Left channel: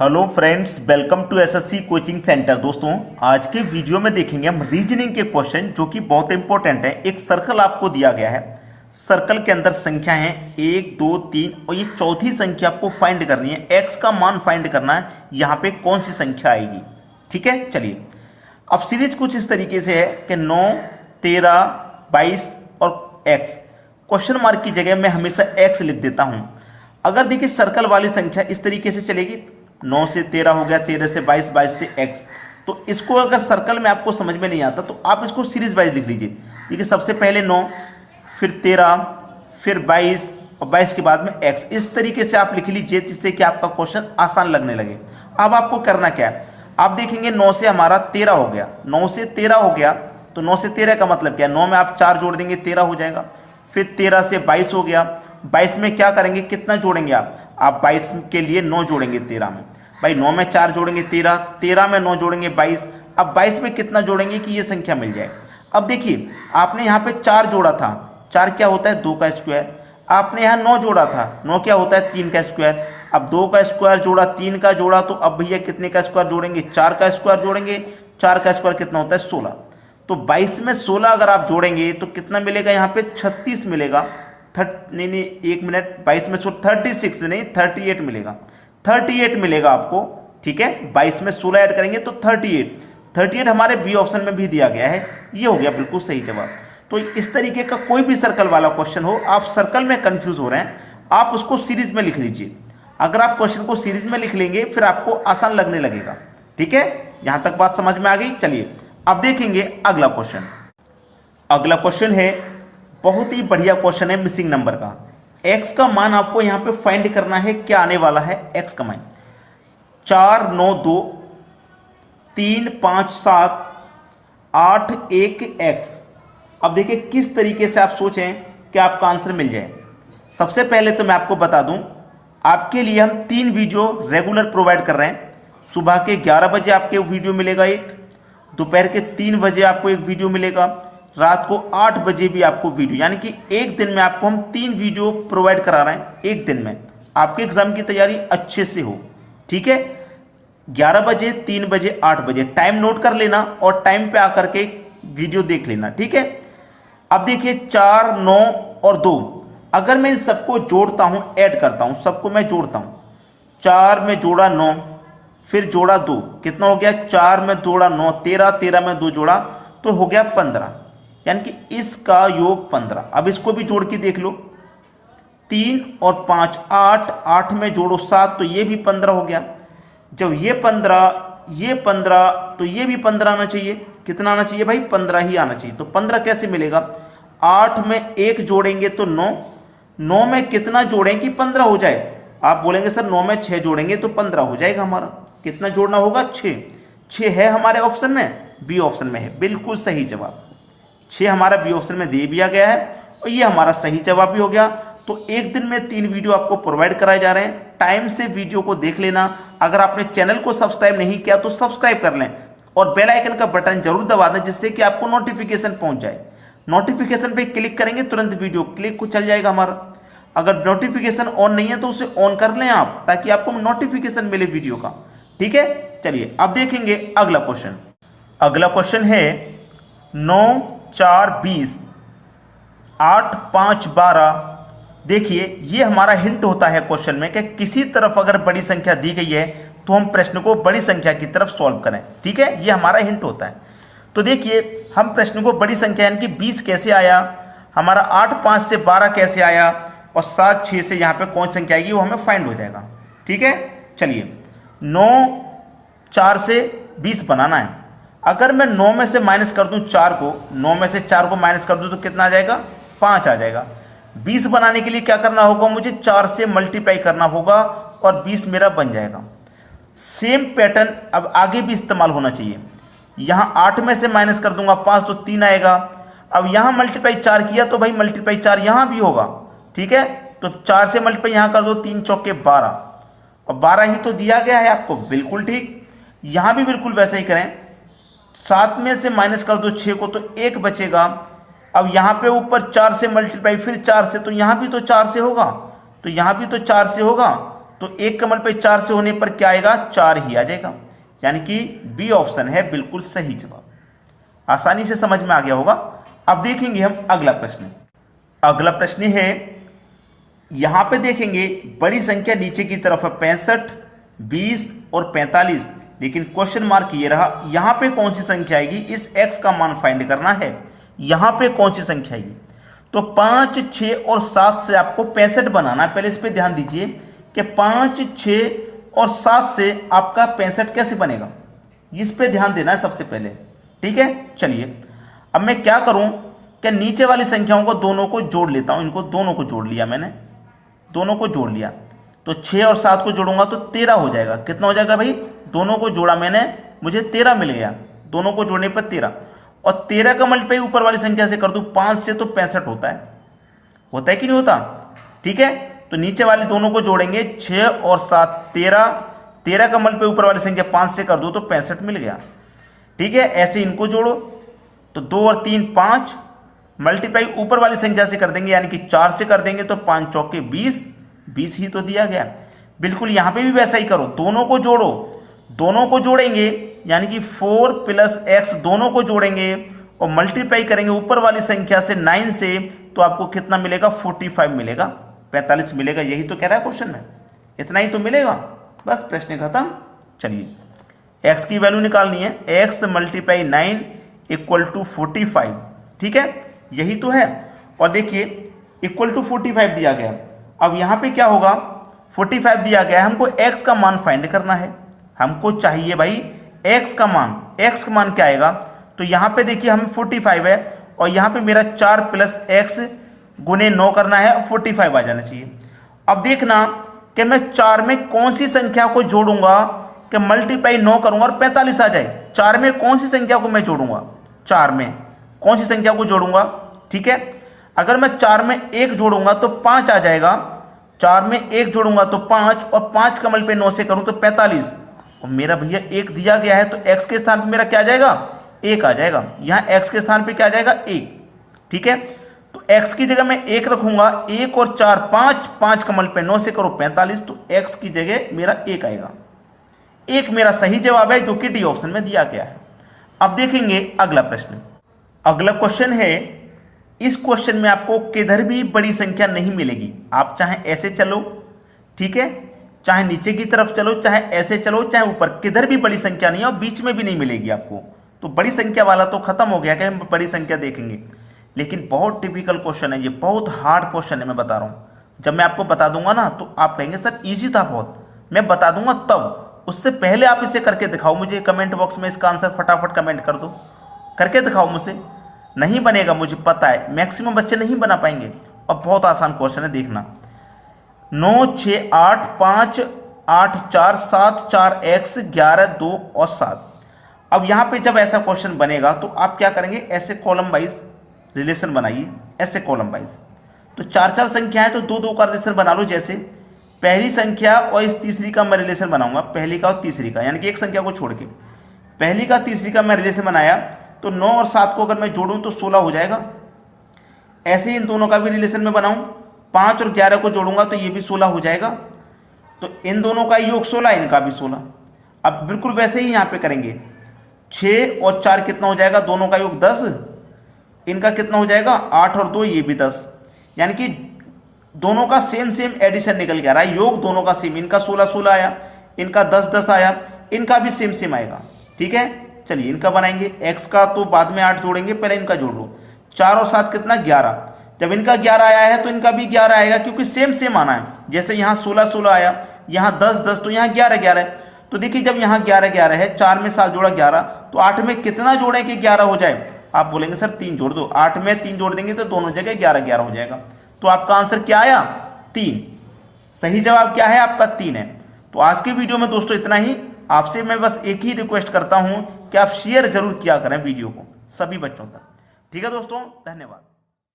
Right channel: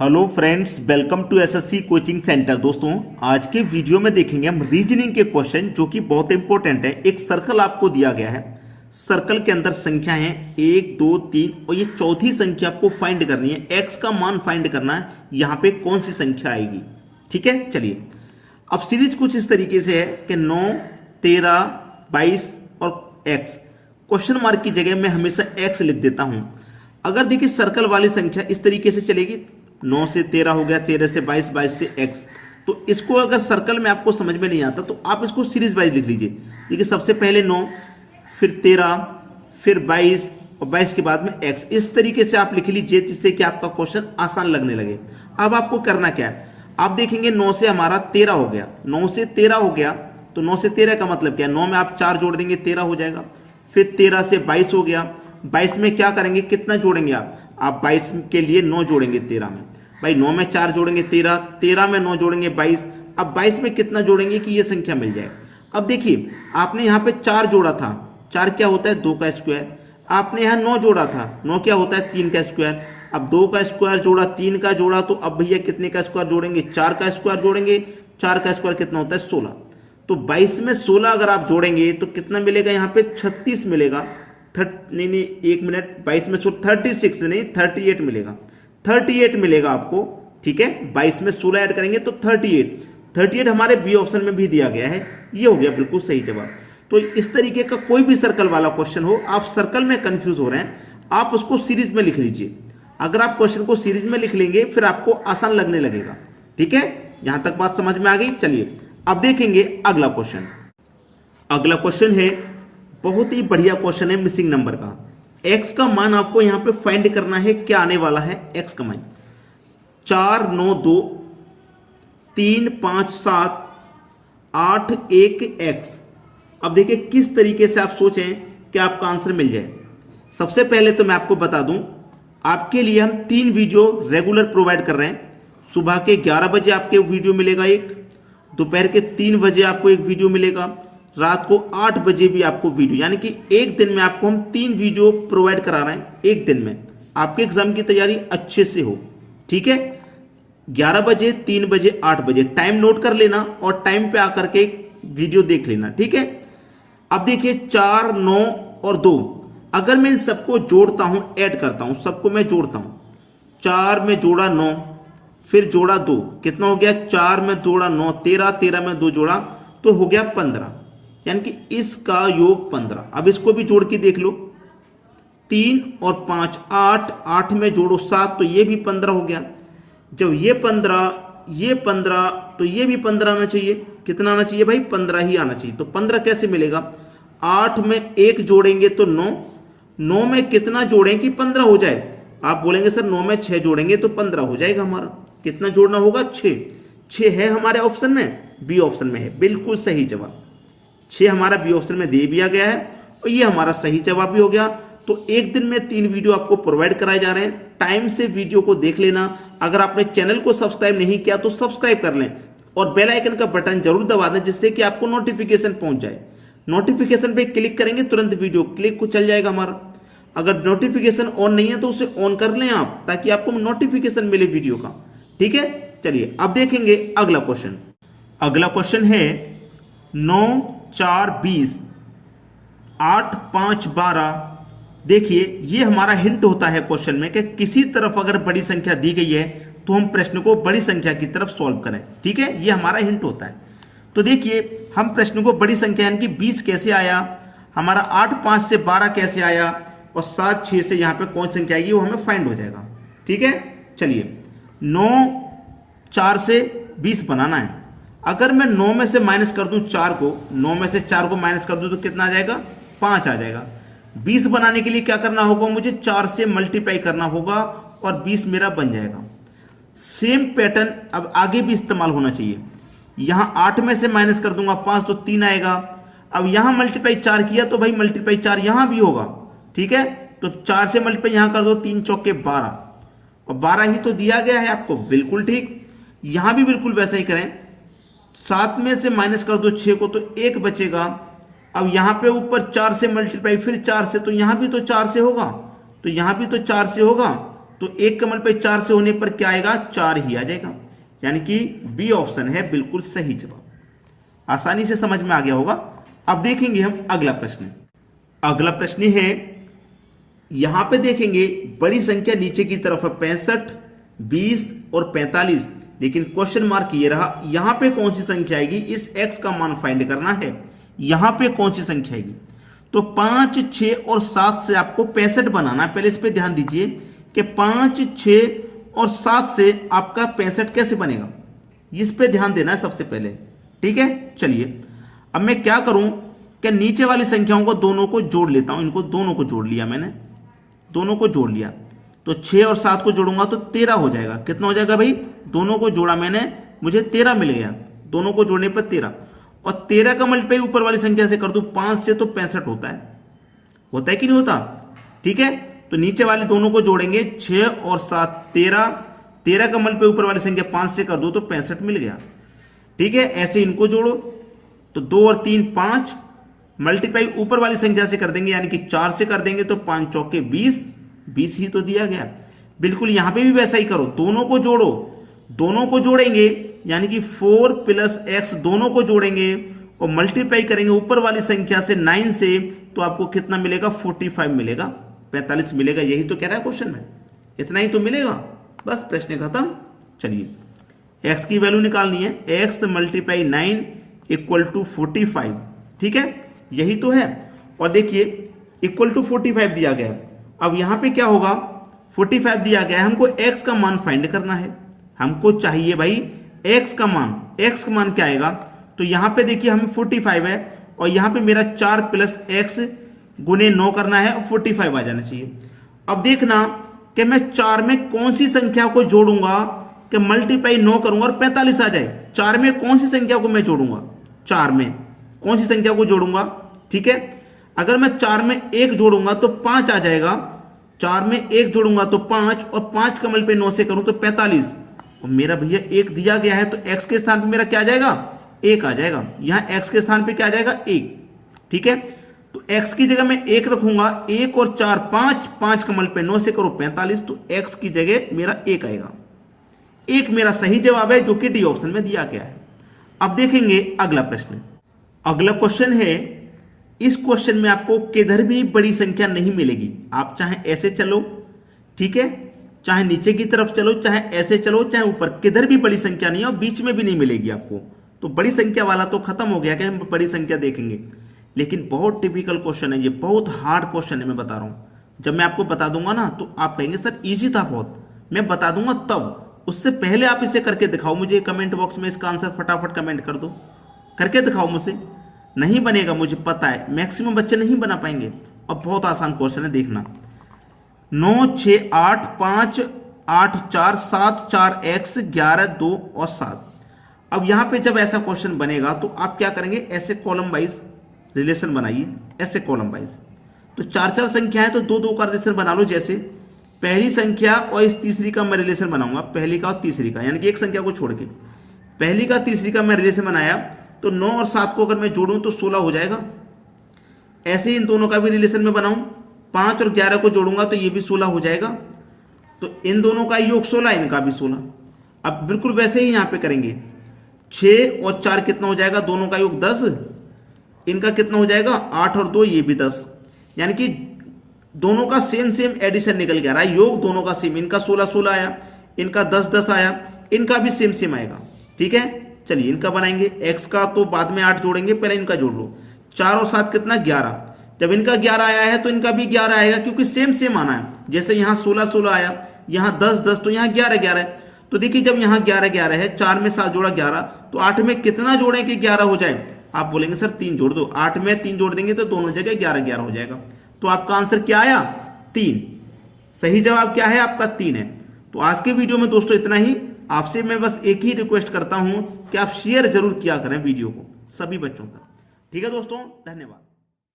Hello friends, welcome to SSC coaching centre. दोस्तों, आज के वीडियो में देखेंगे हम रीजनिंग के क्वेश्चन जो कि बहुत इंपॉर्टेंट है। एक सर्कल आपको दिया गया है, सर्कल के अंदर संख्या है 1 2 3 और ये चौथी संख्या आपको फाइंड करनी है। एक्स का मान फाइंड करना है, यहाँ पे कौन सी संख्या आएगी। ठीक है, चलिए अब सीरीज कुछ इस तरीके से है कि 9 13 22 और एक्स। क्वेश्चन मार्क की जगह मैं हमेशा एक्स लिख देता हूं। अगर देखिए सर्कल वाली संख्या इस तरीके से चलेगी, 9 से 13 हो गया, 13 से 22, 22 से x। तो इसको अगर सर्कल में आपको समझ में नहीं आता तो आप इसको सीरीज वाइज लिख लीजिए। देखिए सबसे पहले 9, फिर 13, फिर 22 और 22 के बाद में x। इस तरीके से आप लिख लीजिए जिससे कि आपका क्वेश्चन आसान लगने लगे। अब आपको करना क्या है, आप देखेंगे 9 से हमारा 13 हो गया, 9 से 13 हो गया तो 9 से 13 का मतलब क्या है, 9 में आप 4 जोड़ देंगे 13 हो जाएगा। फिर 13 से 22 हो गया, 22 में क्या करेंगे, कितना जोड़ेंगे आप 22 के लिए 9 जोड़ेंगे 13 में। भाई 9 में 4 जोड़ेंगे 13, 13 में 9 जोड़ेंगे 22। अब 22 में कितना जोड़ेंगे कि ये संख्या मिल जाए। अब देखिए आपने यहाँ पे 4 जोड़ा था, 4 क्या होता है 2 का स्क्वायर। आपने यहाँ 9 जोड़ा था, 9 क्या होता है 3 का स्क्वायर। अब 2 का स्क्वायर जोड़ा, 3 का जोड़ा, तो अब भैया कितने का स्क्वायर जोड़ेंगे, 4 का स्क्वायर जोड़ेंगे। 4 का स्क्वायर कितना होता है 16। तो 22 में 16 अगर आप जोड़ेंगे तो कितना मिलेगा, यहाँ पे 36 मिलेगा। नहीं एक मिनट, 22 में 36 नहीं 38 मिलेगा, 38 मिलेगा आपको। ठीक है, 22 में 16 ऐड करेंगे तो 38 हमारे बी ऑप्शन में भी दिया गया है। ये हो गया बिल्कुल सही जवाब। तो इस तरीके का कोई भी सर्कल वाला क्वेश्चन हो, आप सर्कल में कंफ्यूज हो रहे हैं, आप उसको सीरीज में लिख लीजिए। अगर आप क्वेश्चन को सीरीज में लिख लेंगे फिर आपको आसान लगने लगेगा। ठीक है, यहां तक बात समझ में आ गई। चलिए अब देखेंगे अगला क्वेश्चन। अगला क्वेश्चन है, बहुत ही बढ़िया क्वेश्चन है मिसिंग नंबर का। x का मान आपको यहां पे फाइंड करना है। क्या आने वाला है x का मान, 4 9 2 3 5 7 8 1 x। अब देखिए किस तरीके से आप सोचें कि आपका आंसर मिल जाए। सबसे पहले तो मैं आपको बता दूं, आपके लिए हम 3 वीडियो रेगुलर प्रोवाइड कर रहे हैं। सुबह के 11 बजे आपके वीडियो मिलेगा एक, दोपहर के 3 बजे आपको एक वीडियो मिलेगा, रात को 8 बजे भी आपको वीडियो, यानी कि एक दिन में आपको हम 3 वीडियो प्रोवाइड करा रहे हैं। एक दिन में आपके एग्जाम की तैयारी अच्छे से हो। ठीक है, 11 बजे, 3 बजे, 8 बजे टाइम नोट कर लेना और टाइम पे आकर के वीडियो देख लेना। ठीक है, अब देखिए 4 9 और 2, अगर मैं इन सबको जोड़ता हूं, ऐड करता हूं, सबको मैं जोड़ता हूं, 4 में जोड़ा 9, फिर जोड़ा 2, कितना हो गया, 4 में जोड़ा 9 13, 13 में 2 जोड़ा तो हो गया 15, यानी कि इसका योग 15। अब इसको भी जोड़ के देख लो, 3 और 5 8, 8 में जोड़ो 7 तो ये भी 15 हो गया। जब ये 15 तो ये भी 15 आना चाहिए। कितना आना चाहिए भाई, 15 ही आना चाहिए। तो 15 कैसे मिलेगा, 8 में 1 जोड़ेंगे तो 9, 9 में कितना जोड़ें कि 15 हो जाए। आप बोलेंगे सर 9 में 6 जोड़ेंगे तो 15 हो जाएगा हमारा। कितना जोड़ना होगा, 6 है हमारे ऑप्शन में, बी ऑप्शन में है। बिल्कुल सही जवाब 6 हमारा बी ऑप्शन में दे दिया गया है और ये हमारा सही जवाब भी हो गया। तो एक दिन में 3 वीडियो आपको प्रोवाइड कराए जा रहे हैं। टाइम से वीडियो को देख लेना। अगर आपने चैनल को सब्सक्राइब नहीं किया तो सब्सक्राइब कर लें और बेल आइकन का बटन जरूर दबा दें जिससे कि आपको नोटिफिकेशन पहुंच जाए। नोटिफिकेशन पे क्लिक करेंगे तुरंत वीडियो क्लिक को चल जाएगा हमारा। अगर नोटिफिकेशन ऑन नहीं है तो उसे ऑन कर लें आप, ताकि आपको नोटिफिकेशन मिले वीडियो का। ठीक है, चलिए अब देखेंगे अगला क्वेश्चन। अगला क्वेश्चन है 9 4 20 8 5 12। देखिए ये हमारा हिंट होता है क्वेश्चन में कि किसी तरफ अगर बड़ी संख्या दी गई है तो हम प्रश्न को बड़ी संख्या की तरफ सॉल्व करें। ठीक है, ये हमारा हिंट होता है। तो देखिए हम प्रश्न को बड़ी संख्या यानी कि 20 कैसे आया, हमारा 8 5 से 12 कैसे आया और 7 6 से यहाँ पे कौन संख्या आएगी वो हमें फाइंड हो जाएगा। ठीक है, चलिए 9 4 से 20 बनाना है। अगर मैं 9 में से माइनस कर दूं 4 को, 9 में से 4 को माइनस कर दूं तो कितना आ जाएगा, 5 आ जाएगा। 20 बनाने के लिए क्या करना होगा, मुझे 4 से मल्टीप्लाई करना होगा और 20 मेरा बन जाएगा। सेम पैटर्न अब आगे भी इस्तेमाल होना चाहिए। यहां 8 में से माइनस कर दूंगा 5 तो 3 आएगा। अब यहां मल्टीप्लाई 4 किया तो भाई मल्टीप्लाई 4 यहां भी होगा। ठीक है, तो 4 से मल्टीप्लाई यहां कर दो, 3 चौके 12 और 12 ही तो दिया गया है आपको। बिल्कुल ठीक, यहां भी बिल्कुल वैसे ही करें। 7 में से माइनस कर दो 6 को तो 1 बचेगा। अब यहां पे ऊपर 4 से मल्टीप्लाई फिर 4 से, तो यहां भी तो 4 से होगा, तो यहां भी तो 4 से होगा। तो एक कमल पे 4 से होने पर क्या आएगा, 4 ही आ जाएगा, यानी कि बी ऑप्शन है बिल्कुल सही जवाब। आसानी से समझ में आ गया होगा। अब देखेंगे हम अगला प्रश्न। अगला प्रश्न है, यहां पे देखेंगे बड़ी संख्या नीचे की तरफ है 65, 20 और 45, लेकिन क्वेश्चन मार्क ये रहा, यहां पे कौन सी संख्या आएगी, इस x का मान फाइंड करना है, यहां पे कौन सी संख्या आएगी। तो 5, 6 और 7 से आपको 65 बनाना है। पहले इस पे ध्यान दीजिए कि 5, 6 और 7 से आपका 65 कैसे बनेगा, इस पे ध्यान देना है सबसे पहले, ठीक है। चलिए अब मैं क्या करूं कि नीचे वाली संख्याओं को दोनों को जोड़ लेता हूं। इनको दोनों को जोड़ लिया मैंने, दोनों को जोड़ लिया, तो 6 और 7 को जोड़ूंगा तो 13 हो जाएगा। कितना हो जाएगा भाई, दोनों को जोड़ा मैंने, मुझे 13 मिल गया, दोनों को जोड़ने पर 13। और 13 का मल्टीप्लाई ऊपर वाली संख्या से कर दूं 5 से, तो 65 होता है कि नहीं होता, ठीक है। तो नीचे वाले दोनों को जोड़ेंगे, 6 और 7 13, 13 का मल्टीप्लाई ऊपर वाली संख्या 5 से कर दूं तो 65 मिल गया, ठीक है। ऐसे इनको जोड़ो, तो 2 और 3 5, मल्टीप्लाई ऊपर वाली संख्या से कर देंगे, यानी कि 4 से कर देंगे तो 5 चौके 20, 20 ही तो दिया गया। बिल्कुल यहां पे भी वैसा ही करो, दोनों को जोड़ो, दोनों को जोड़ेंगे यानी कि 4 + x, दोनों को जोड़ेंगे और मल्टीप्लाई करेंगे ऊपर वाली संख्या से 9 से, तो आपको कितना मिलेगा, 45 मिलेगा, 45 मिलेगा। यही तो कह रहा है क्वेश्चन में, इतना ही तो मिलेगा, बस प्रश्न खत्म। चलिए x की वैल्यू निकालनी है, x × 9 = 45, ठीक है, यही तो है। और देखिए = 45 दिया गया। अब यहां पे क्या होगा, 45 दिया गया है, हमको x का मान फाइंड करना है, हमको चाहिए भाई x का मान। x का मान क्या आएगा, तो यहां पे देखिए हमें 45 है और यहां पे मेरा 4 + x × 9 करना है, 45 आ जाना चाहिए। अब देखना कि मैं 4 में कौन सी संख्या को जोड़ूंगा कि मल्टीप्लाई 9 करूंगा और 45 आ जाए। 4 में कौन सी संख्या को मैं जोड़ूंगा, 4 में कौन सी संख्या को जोड़ूंगा, ठीक है। अगर मैं 4 में 1 जोड़ूंगा तो 5 आ जाएगा, 4 में 1 जोड़ूंगा तो 5, और 5 का मल्टीप्लाई 9 से करूं तो 45। और मेरा भैया 1 दिया गया है, तो x के स्थान पे मेरा क्या आ जाएगा, 1 आ जाएगा। यहां x के स्थान पे क्या आ जाएगा, 1, ठीक है। तो x की जगह मैं 1 रखूंगा, 1 और 4 5, 5 का मल्टीप्लाई 9 से करो 45, तो x की जगह मेरा 1 आएगा। 1 मेरा सही जवाब है, जो कि डी ऑप्शन में दिया गया है। अब देखेंगे अगला प्रश्न। अगला क्वेश्चन है, इस क्वेश्चन में आपको किधर भी बड़ी संख्या नहीं मिलेगी। आप चाहे ऐसे चलो, ठीक है, चाहे नीचे की तरफ चलो, चाहे ऐसे चलो, चाहे ऊपर, किधर भी बड़ी संख्या नहीं है और बीच में भी नहीं मिलेगी आपको। तो बड़ी संख्या वाला तो खत्म हो गया कि हम बड़ी संख्या देखेंगे, लेकिन बहुत टिपिकल क्वेश्चन है ये, बहुत हार्ड क्वेश्चन है, मैं बता रहा हूं। जब मैं आपको बता दूंगा ना तो आप कहेंगे सर इजी था बहुत, मैं बता दूंगा तब, उससे पहले आप इसे करके दिखाओ मुझे, कमेंट बॉक्स में इसका आंसर फटाफट कमेंट कर दो, करके दिखाओ मुझे। नहीं बनेगा, मुझे पता है, मैक्सिमम बच्चे नहीं बना पाएंगे। और बहुत आसान क्वेश्चन है, देखना। 9, 6, 8, 5, 8, 4, 7, 4 x, 11, 2 और 7। अब यहां पे जब ऐसा क्वेश्चन बनेगा तो आप क्या करेंगे, ऐसे कॉलम वाइज रिलेशन बनाइए, ऐसे कॉलम वाइज। तो 4 संख्या है तो 2 का रिलेशन बना लो। जैसे पहली संख्या और इस तीसरी का मैं रिलेशन बनाऊंगा, पहली का और तीसरी का, यानी कि एक संख्या को छोड़ के पहली का तीसरी का मैं रिलेशन बनाया, तो 9 और 7 को अगर मैं जोड़ूं तो 16 हो जाएगा। ऐसे ही इन दोनों का भी रिलेशन में बनाऊं, 5 और 11 को जोड़ूंगा तो ये भी 16 हो जाएगा। तो इन दोनों का योग 16, इनका भी 16। अब बिल्कुल वैसे ही यहां पे करेंगे, 6 और 4 कितना हो जाएगा, दोनों का योग 10, इनका कितना हो जाएगा 8 और 2 ये भी 10, यानी कि दोनों का सेम एडिशन निकल के आ रहा है, योग दोनों का सेम। इनका 16 आया, इनका 10 आया, इनका भी सेम आएगा, ठीक है। चलिए इनका बनाएंगे, x का तो बाद में 8 जोड़ेंगे, पहले इनका जोड़ लो। 4 और 7 कितना 11, जब इनका 11 आया है तो इनका भी 11 आएगा, क्योंकि सेम आना है। जैसे यहाँ 16 आया, यहाँ 10 तो यहाँ 11 है। तो देखिए जब यहाँ 11 है, 4 में 7 जोड़ा 11, तो 8 में कितना जोड़ें कि 11 हो जाए। आप बोलेंगे सर 3 जोड़ दो, 8 में 3 जोड़ देंगे तो दोनों जगह 11 हो जाएगा। तो आपका आंसर क्या आया, 3। सही जवाब क्या है आपका, 3 है। तो आज की वीडियो में दोस्तों इतना ही। आपसे मैं बस एक ही रिक्वेस्ट करता हूं कि आप शेयर जरूर किया करें वीडियो को सभी बच्चों तक, ठीक है दोस्तों, धन्यवाद।